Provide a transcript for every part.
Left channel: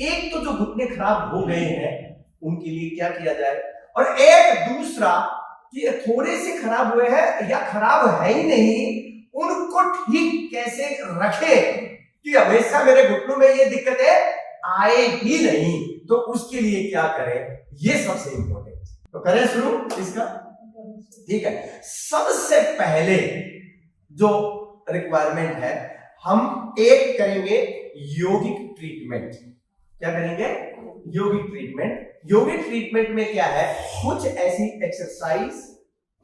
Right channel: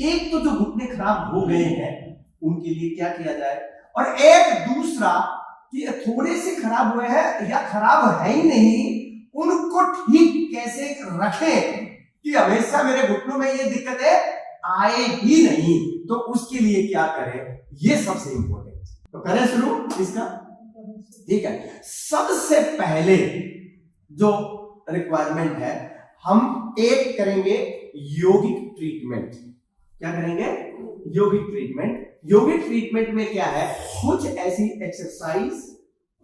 एक तो जो घुटने खराब हो गए हैं उनके लिए क्या किया जाए, और एक दूसरा कि थोड़े से खराब हुए हैं या खराब है ही नहीं, उनको ठीक कैसे रखें कि हमेशा मेरे घुटनों में ये दिक्कतें आए ही नहीं। तो उसके लिए क्या करें, ये सबसे इंपॉर्टेंट। तो करें शुरू इसका, ठीक है। सबसे पहले जो रिक्वायरमेंट है, हम एक करेंगे यौगिक ट्रीटमेंट। क्या करेंगे, यौगिक ट्रीटमेंट। यौगिक ट्रीटमेंट में क्या है, कुछ ऐसी एक्सरसाइज,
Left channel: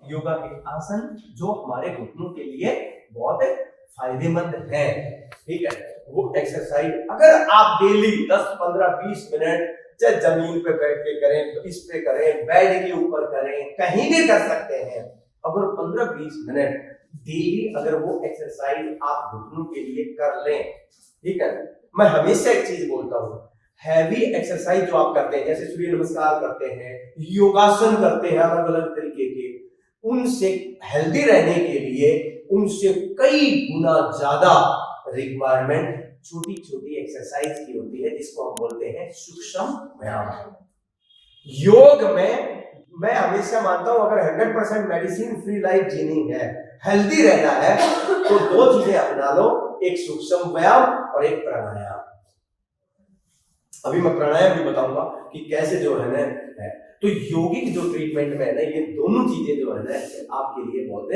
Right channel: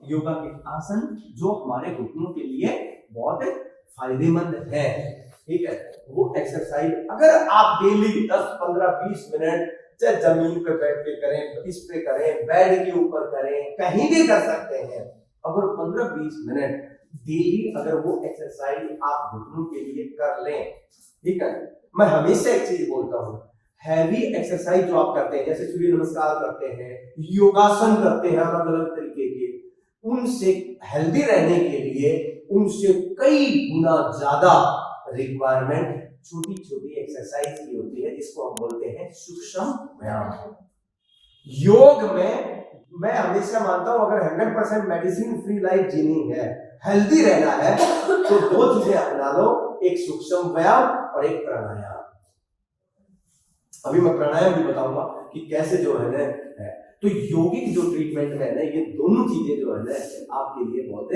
योगा के आसन जो हमारे घुटनों के लिए बहुत फायदेमंद है, ठीक है। वो एक्सरसाइज अगर आप डेली 10, 15, 20 मिनट चाहे जमीन पे बैठ के करें, इस पे करें, बेड के ऊपर करें, कहीं भी कर सकते हैं। अगर 15-20 मिनट डेली अगर वो एक्सरसाइज आप घुटनों के लिए कर लें, ठीक है। मैं हमेशा एक चीज बोलता हूं, हैवी एक्सरसाइज जो आप करते हैं, जैसे सूर्य नमस्कार करते हैं, योगासन करते हैं अलग अलग तरीके के, उनसे हेल्दी रहने के लिए उनसे कई गुना ज्यादा रिक्वायरमेंट छोटी छोटी एक्सरसाइज की होती है, जिसको हम बोलते हैं सूक्ष्म व्यायाम। योग में मैं हमेशा मानता हूं, अगर 100% मेडिसिन फ्री लाइफ जीनी है, हेल्दी रहना है, तो दो चीजें अपना लो, एक सूक्ष्म व्यायाम और एक प्राणायाम। अभी मैं प्राणायाम भी बताऊंगा कि कैसे जो है ना है। तो यौगिक जो ट्रीटमेंट में है ना, ये दोनों चीजें जो है ना आपके लिए बहुत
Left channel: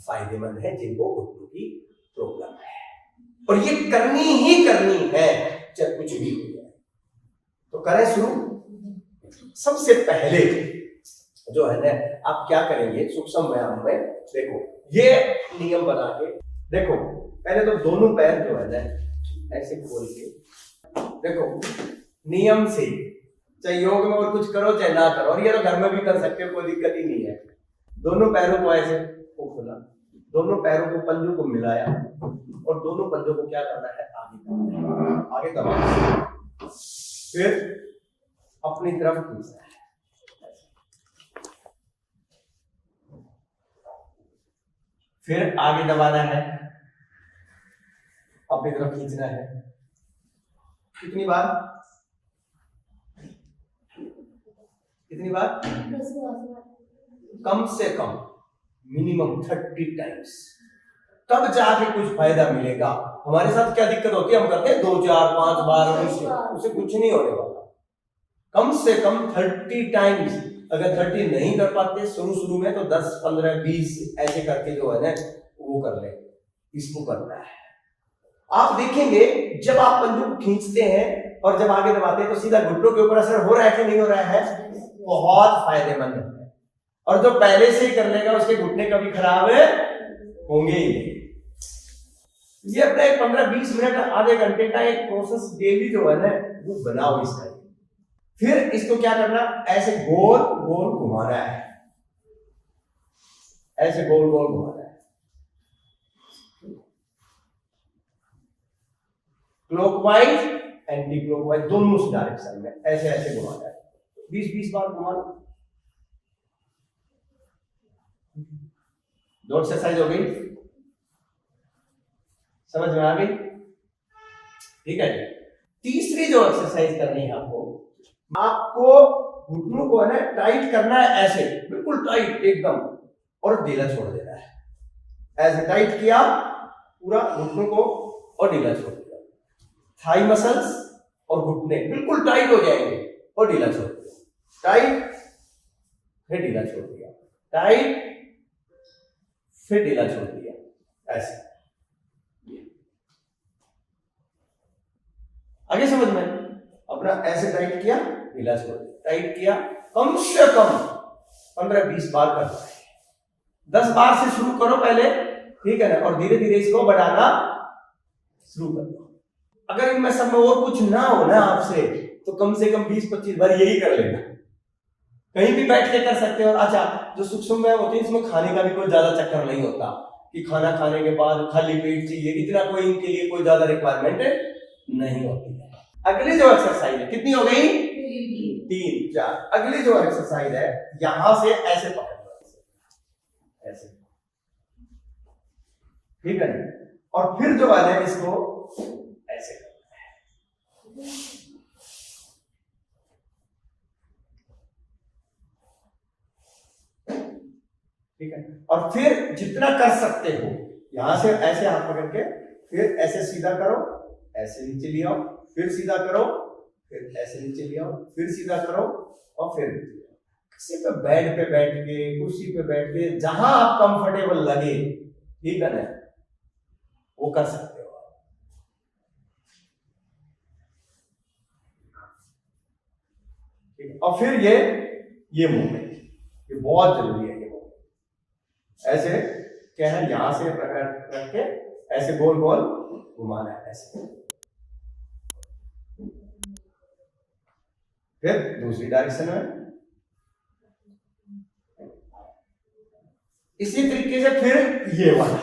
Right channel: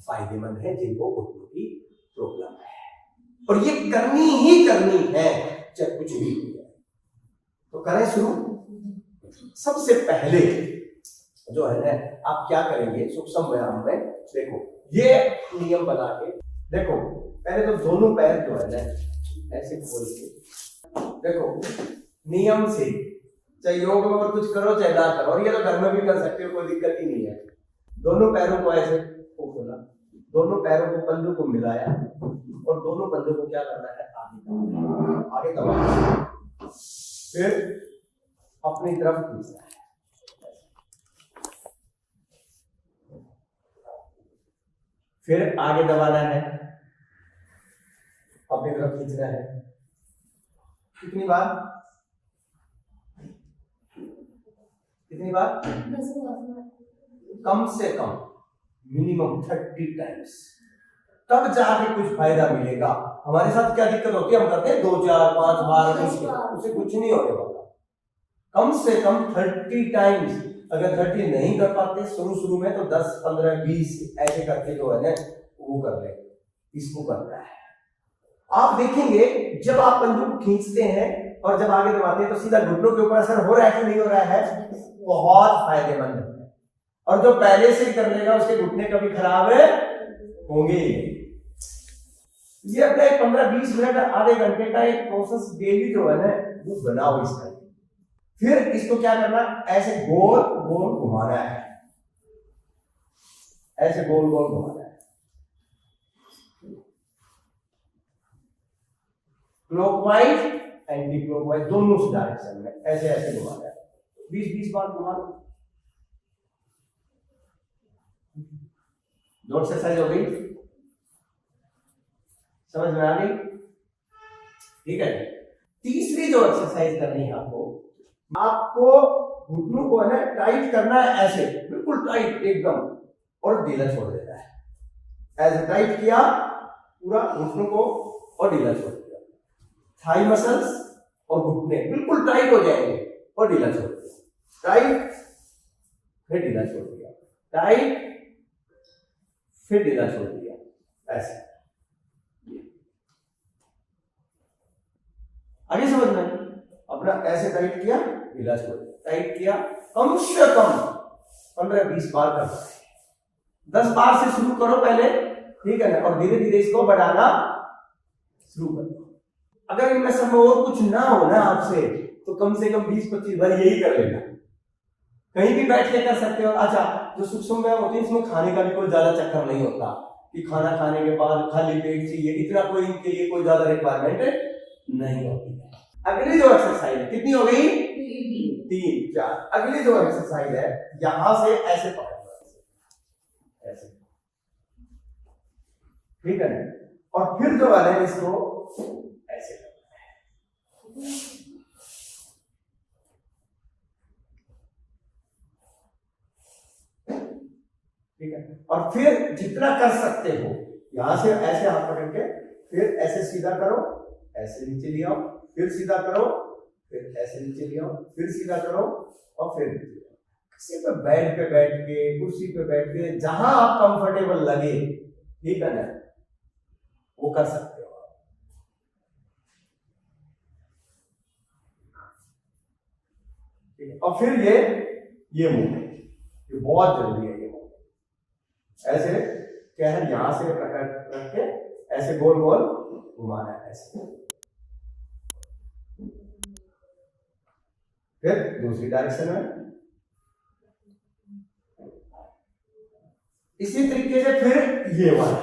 फायदेमंद है, जिनको घुटनों की प्रॉब्लम है, और ये करनी ही करनी है, चाहे कुछ भी हो जाए। तो करें शुरू। सबसे पहले जो है ना, आप क्या करेंगे सूक्ष्म व्यायाम में, देखो ये नियम बना के देखो। पहले तो दोनों पैर जो है ना ऐसे खोल के देखो, नियम से, चाहे योग में और कुछ करो चाहे ना करो, और ये तो घर में भी कर सकते हो, कोई दिक्कत ही नहीं है। दोनों पैरों को ऐसे खोला, दोनों पैरों को पंजों को मिलाया, और दोनों पंजों को क्या करना है, आगे दबाना, फिर अपनी तरफ खींचना है, फिर आगे दबाना है, अपनी तरफ खींचना है। कितनी बार, कितनी बार, कम से कम मिनिमम 30 टाइम्स, तब जाके कुछ फायदा मिलेगा। हमारे साथ क्या दिक्कत होती है, हम करते हैं 2, 4, 5 बार, उससे कुछ नहीं होने वाला। कम से कम 30 टाइम्स। अगर 30 नहीं कर पाते शुरू में, तो 10, 15, 20 ऐसे करके जो है ना वो कर ले, इसको करना है। आप देखेंगे जब आप पंजों को खींचते हैं और जब आगे दबाते हैं, तो सीधा घुटनों के ऊपर असर हो रहा है कि नहीं हो रहा है, बहुत फायदेमंद है। और जो पहले से ही कर लेगा उसके घुटने कभी खराब होंगे ही नहीं। ये अपना एक 15-20 मिनट, आधे घंटे का एक प्रोसेस डेली जो है ना वो बनाओ इसका। फिर इसको क्या करना, ऐसे गोल गोल घुमाना है, ऐसे गोल गोल घुमाना है, क्लॉकवाइज एंटी क्लॉकवाइज दोनों डायरेक्शन में ऐसे ऐसे घुमाना है। 20-20 बार घुमाना। दो एक्सरसाइज हो गई, समझ में आ गई, ठीक है। तीसरी जो एक्सरसाइज करनी है आपको घुटनों को है ना टाइट करना है, ऐसे बिल्कुल टाइट एकदम, और ढीला छोड़ देना है। ऐसे टाइट किया पूरा घुटनों को और ढीला छोड़ दिया। थाई मसल्स और घुटने बिल्कुल टाइट हो जाएंगे और ढीला छोड़ दिया, टाइट फिर ढीला छोड़ दिया, टाइट फिर ढीला छोड़ दिया, ऐसे। आगे समझ में, अपना ऐसे टाइट किया, ढीला छोड़ दिया, टाइट किया, कम से कम 15-20 बार करना है। 10 बार से शुरू करो पहले, ठीक है ना, और धीरे धीरे इसको बढ़ाना शुरू कर दो। अगर इनमें सब में और कुछ ना हो ना आपसे, तो कम से कम 20-25 बार यही कर लेना। कहीं भी बैठ के कर सकते हो। अच्छा, जो सूक्ष्म व्यायाम होते हैं इसमें खाने का भी कोई ज्यादा चक्कर नहीं होता कि खाना खाने के बाद खाली पेट चाहिए, इतना कोई इनके लिए कोई ज्यादा रिक्वायरमेंट नहीं होती है। अगली जो एक्सरसाइज है, कितनी हो गई, 3, 4। अगली जो एक्सरसाइज है, यहां से ऐसे पकड़ना, ऐसे, ठीक है, और फिर जो है इसको ऐसे करना है, ठीक है। और फिर जितना कर सकते हो यहां से ऐसे हाथ पकड़ के फिर ऐसे सीधा करो, ऐसे नीचे ले आओ, फिर सीधा करो, फिर ऐसे नीचे ले आओ, फिर सीधा करो और फिर नीचे ले आओ। किसी पे बेड पे बैठ के, कुर्सी पे बैठ के, जहां आप कंफर्टेबल लगे, ठीक है ना, वो कर सकते हो। ठीक है। और फिर ये मूवमेंट ये बहुत जरूरी है। ये मूवमेंट ऐसे क्या है, यहां से रख के ऐसे गोल गोल घुमाना है ऐसे, फिर दूसरी डायरेक्शन में इसी तरीके से। फिर ये वाला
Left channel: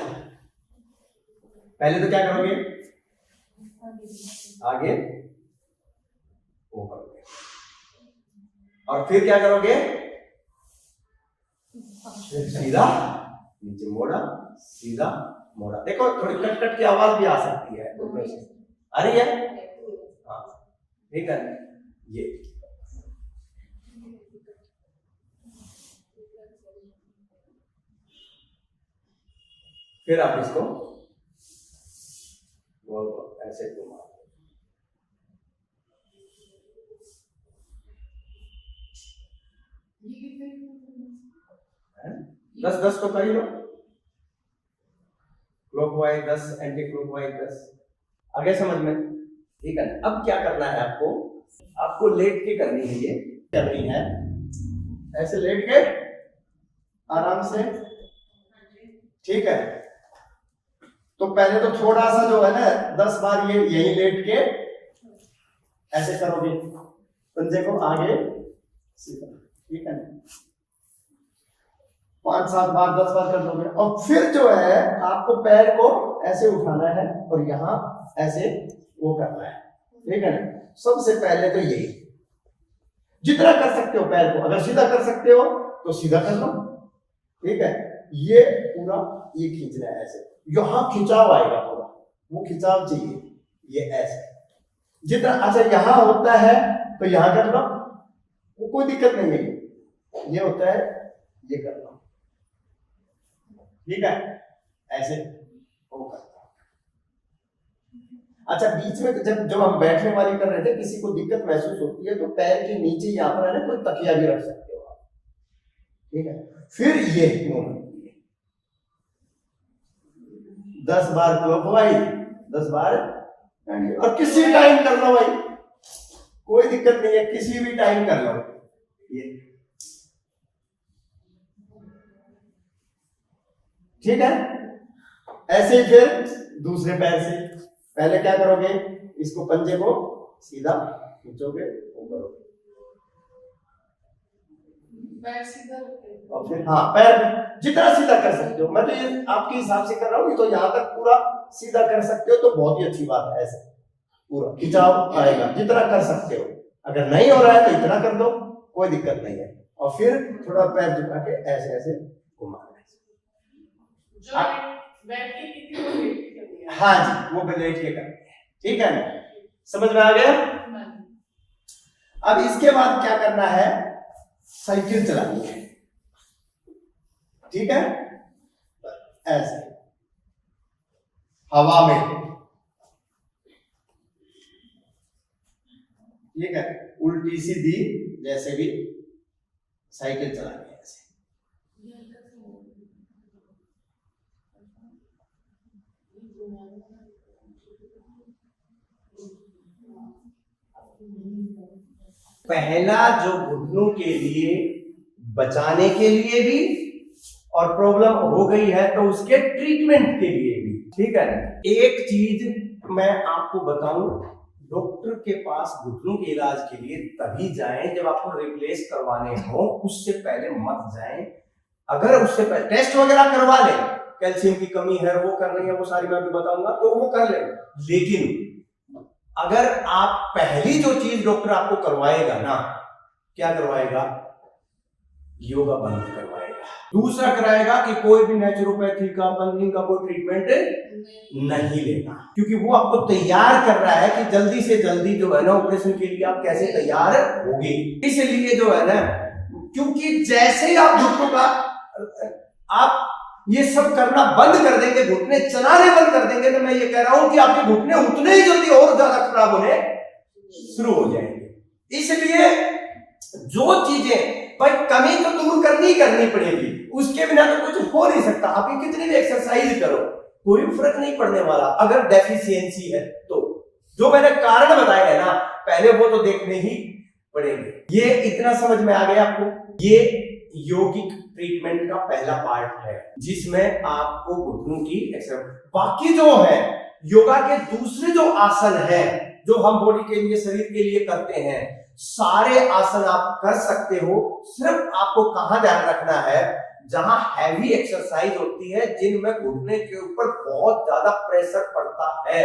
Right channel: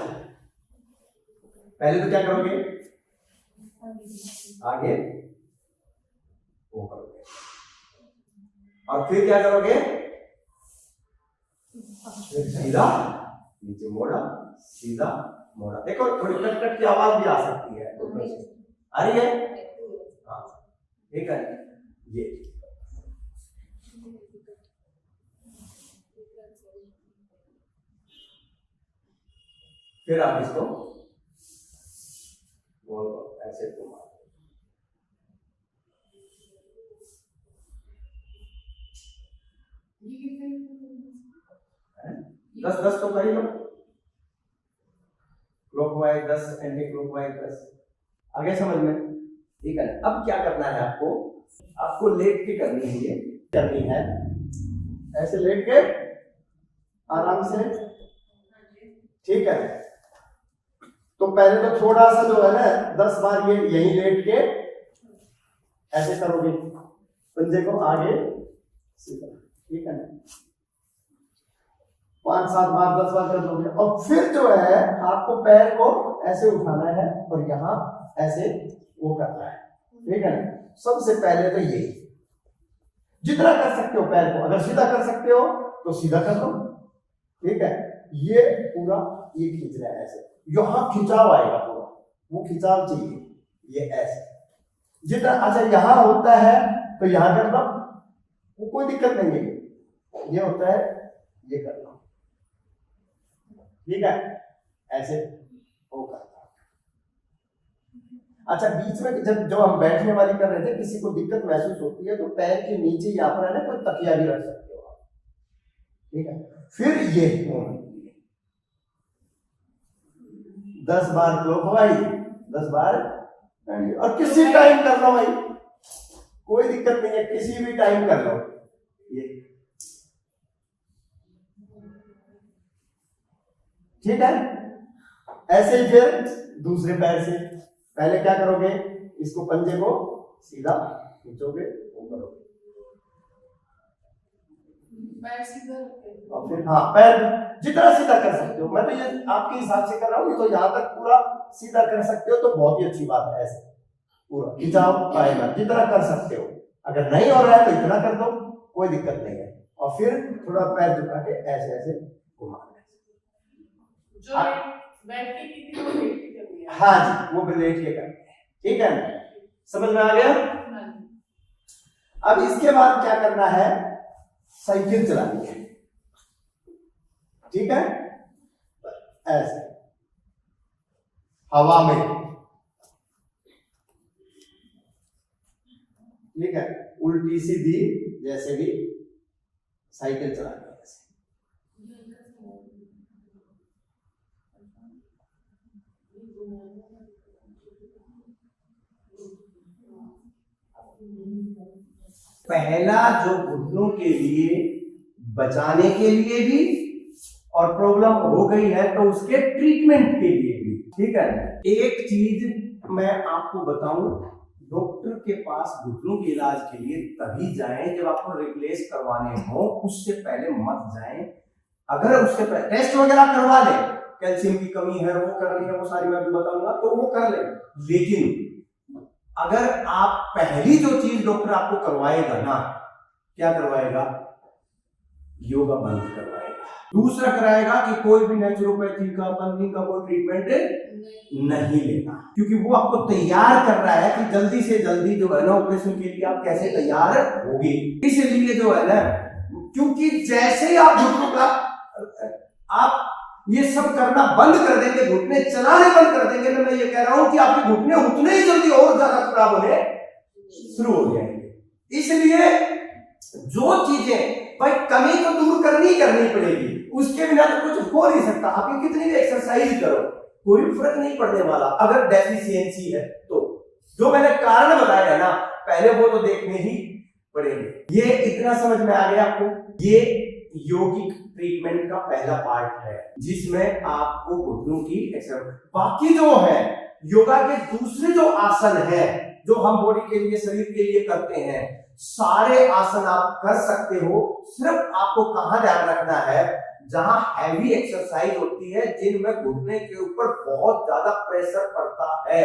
पहले तो क्या करोगे, आगे वो करोगे और फिर क्या करोगे, फिर सीधा नीचे मोड़ा, सीधा मोड़ा। देखो थोड़ी कट कट की आवाज भी आ सकती है, आ रही है, हाँ ठीक है। ये फिर आप इसको ऐसे घुमा, 10-10 तो कर ही लो, क्लॉकवाइज 10, एंटी क्लॉकवाइज 10। आगे समझ में, ठीक है। अब क्या करना है आपको लेट के करनी है, ये करनी है ऐसे लेट के आराम से, ठीक है। तो पहले तो थोड़ा सा जो है ना 10 बार ये यही लेट के ऐसे करोगे, पंजे को आगे सीधा, ठीक है ना। 5-7 बार 10 बार कर दोगे और फिर जो है आपको पैर को ऐसे उठाना है और यहां ऐसे वो करना है, ठीक है ना। सबसे पहले तो यही, जितना कर सकते हो पैर को, अगर सीधा कर सकते हो तो सीधा कर लो, ठीक है। ये पूरा ये खींचना है ऐसे, यहां खिंचाव आएगा पूरा, वो खिंचाव चाहिए, ये ऐसे जितना। अच्छा यहां होता है तो यहां कर लो, वो कोई दिक्कत नहीं है। ये होता है, ये कर लो, ठीक है, ऐसे वो करता। अच्छा बीच में जब हम बैठने वाली कर रहे थे, किसी को दिक्कत महसूस होती है तो पैर के नीचे यहाँ पर है ना कोई तकिया भी रख सकते हो आप, ठीक है। फिर ये 10 बार क्लॉकवाइज, 10 बार, और किसी टाइम कर लो भाई, कोई दिक्कत नहीं है, किसी भी टाइम कर लो ये, ठीक है। ऐसे ही फिर दूसरे पैर से, पहले क्या करोगे, इसको पंजे को सीधा खींचोगे, वो करोगे पैर सीधा, और फिर हाँ पैर जितना सीधा कर सकते हो। मैं तो ये आपके हिसाब से कर रहा हूँ, तो यहाँ तक पूरा सीधा कर सकते हो तो बहुत ही अच्छी बात है। ऐसे पूरा खिंचाव आएगा, जितना कर सकते हो। अगर नहीं हो रहा है तो इतना कर दो, कोई दिक्कत नहीं है। और फिर थोड़ा पैर झुका के ऐसे ऐसे घुमाना है। हाँ जी, वो भी लेट के करते हैं, ठीक है ना, समझ में आ गया। अब इसके बाद क्या करना है, साइकिल चलानी है, ठीक है, ऐसे हवा में, ठीक है, उल्टी सीधी जैसे भी साइकिल चलानी है ऐसे। पहला जो घुटनों के लिए बचाने के लिए भी और प्रॉब्लम हो गई है तो उसके ट्रीटमेंट के लिए भी, ठीक है। एक चीज मैं आपको बताऊं, डॉक्टर के पास घुटनों के इलाज के लिए तभी जाएं जब आपको रिप्लेस करवाने हो, उससे पहले मत जाएं। अगर उससे पहले टेस्ट वगैरह करवा ले, कैल्शियम की कमी है वो कर रही है, वो सारी मैं भी बताऊंगा तो वो कर ले। लेकिन अगर आप पहली जो चीज डॉक्टर आपको करवाएगा ना, क्या करवाएगा, योगा बंद करवाएगा। दूसरा कराएगा कि कोई भी नेचुरोपैथी का, पंथिंग का कोई ट्रीटमेंट नहीं लेना, क्योंकि वो आपको तैयार कर रहा है कि जल्दी से जल्दी जो है ना ऑपरेशन के लिए आप कैसे तैयार होगी। इसलिए जो है ना, क्योंकि जैसे ही आप घुटनों का आप ये सब करना बंद कर देंगे, घुटने चलाने बंद कर देंगे, तो मैं ये कह रहा हूं कि आपके घुटने उतने ही जल्दी और ज्यादा खराब होने शुरू हो जाएंगे। इसलिए जो चीजें भाई कमी तो दूर करनी पड़ेगी, उसके बिना तो कुछ हो नहीं सकता। आप ये कितनी भी एक्सरसाइज करो, कोई फर्क नहीं पड़ने वाला अगर डेफिशिएंसी है तो। जो मैंने कारण बताया है ना, पहले वो तो देखने ही पड़ेंगे। ये इतना समझ में आ गया आपको? ये योगिक ट्रीटमेंट का पहला पार्ट है, जिसमें आपको घुटनों की एक्सरसाइज। बाकी जो है योगा के दूसरे जो आसन है, जो हम बॉडी के लिए, शरीर के लिए करते हैं, सारे आसन आप कर सकते हो। सिर्फ आपको कहां ध्यान रखना है, जहां हैवी एक्सरसाइज होती है, जिनमें घुटने के ऊपर बहुत ज्यादा प्रेशर पड़ता है।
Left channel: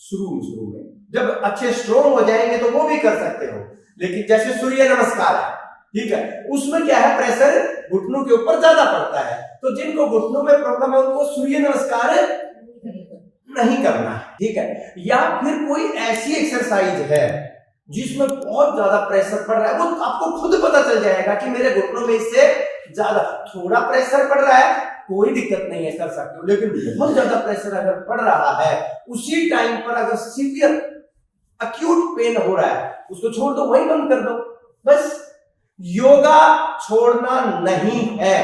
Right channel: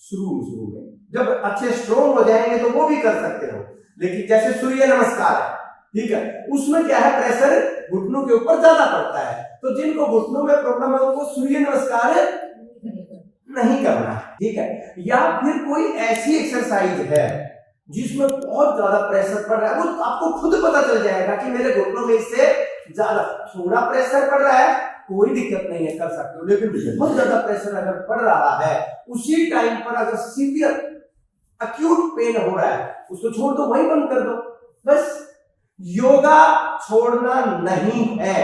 शुरू में जब अच्छे स्ट्रोंग हो जाएंगे तो वो भी कर सकते हो, लेकिन जैसे सूर्य नमस्कार है, ठीक है, उसमें क्या है, प्रेशर घुटनों के ऊपर ज्यादा पड़ता है। तो जिनको घुटनों में प्रॉब्लम है उनको सूर्य नमस्कार नहीं करना है, ठीक है। या फिर कोई ऐसी एक्सरसाइज है जिसमें बहुत ज्यादा प्रेशर पड़ रहा है, वो आपको खुद पता चल जाएगा कि मेरे घुटनों में इससे ज्यादा, थोड़ा प्रेशर पड़ रहा है कोई दिक्कत नहीं है, कर सकते हो। लेकिन बहुत ज्यादा प्रेशर अगर पड़ रहा है, उसी टाइम पर अगर सीवियर अक्यूट पेन हो रहा है, उसको छोड़ दो, वहीं बंद कर दो बस। योगा छोड़ना नहीं है,